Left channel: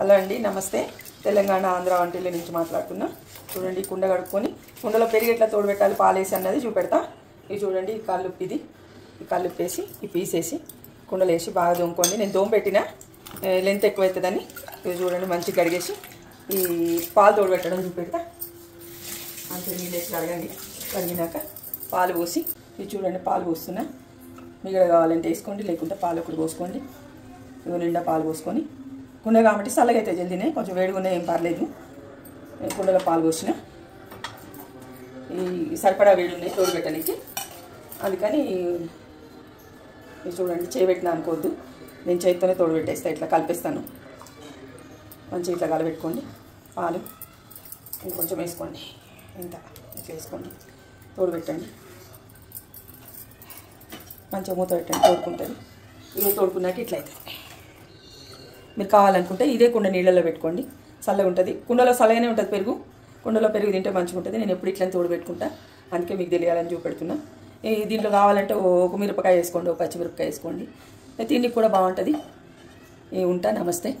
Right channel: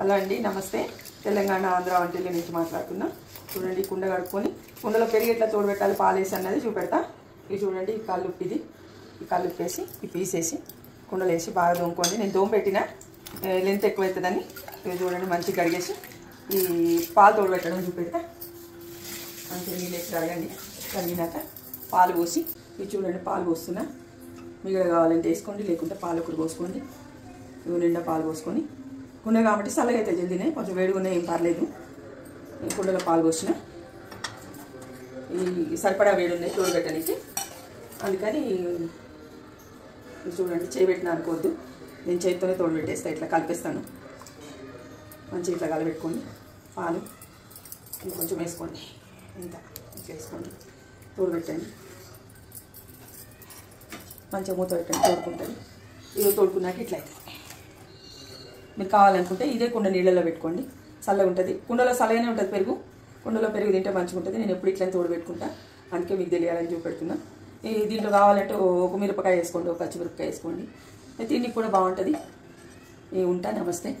Hello అండి, నమస్తే. తెలంగాణ ఆంధ్ర వంటిల్లు నుంచి మాట్లాడుతున్నా. చూడండి, కుండ కడుక్కొని కుండలో పెరిగి ఎట్లా తోడుపెట్టాలి పాలేసి అన్నది చూపెడతా. ఇది చూడండి, ఈ కల్లుప్పు ఇది. ఈ కల్లుప్పు వేసి ఈ పీసేసి కుండలో వేసి బాగా దోముకోండి. నేను దోమ పెట్టిన లెంత్ ఎక్కువ అవుతుందని ఇది చూడండి మంచిగా కడిగేసి ఈ పాలు తోడుపెట్టడం చూపెడతా. మంచిగా నీళ్ళు వేసి కడగండి. కడిగినాక పాలు పోసి ఇది చూడండి పాలు పోస్తున్నా. మిగతా కావాలంటే వేసుకోండి, లేకుంటే పాలు ఒకటి పోసుకోండి. ఇవి నిండా పాలు పోసుకొని కుండ కాబట్టి చల్లగా అయితే జల్దీనే, కొంచెం వేడిగా ఉన్నాయి ఏం పర్లేదు. కుండలో పాలు పోసిన ఈ సరిపడా వేడి ఉన్నాయి తోడుపెట్టడానికి, అందుకని ఇది చూడండి చేయబెట్టినా అనుకోవద్దు. నేను చేతితోనే తోడుపెట్టేస్తా, ఇట్లా కలిపేస్తాను. మంచిగా ఇట్లా కలిపెట్టుకోండి. పాలు ఇంకొంచెం వేసుకోండి, ఇంత ఇట్లా వేసుకోండి, తోడుపెట్టండి. మంచిగా మూత పెట్టండి, తోడుకుంటుంది. ఇదే తోడుకున్నాక ఇట్లా అవుతుంది. మీరు కావాలనుకుంటే ఇదే కుండ నీళ్ళలో పెట్టుకోండి, చల్లగా ఉంటుంది. కుండలో చల్లగానే ఉంటుంది పెరుగు. కుండలో పెరుగు తింటే మంచిగా ఉంటుంది. నేను ఎప్పుడు ఇట్లా తోడు పెట్టుకుంటా, అందుకే మీకు తెలియాలని చూపెడుతున్నా. దీంట్లో కావాలంటే ఒక మిరపకాయ వేసుకోండి, ఒక పచ్చిమిరపకాయ వేసుకోండి. తిండికి కూడా బాగుంటుంది. ఉంటా. నమస్తే.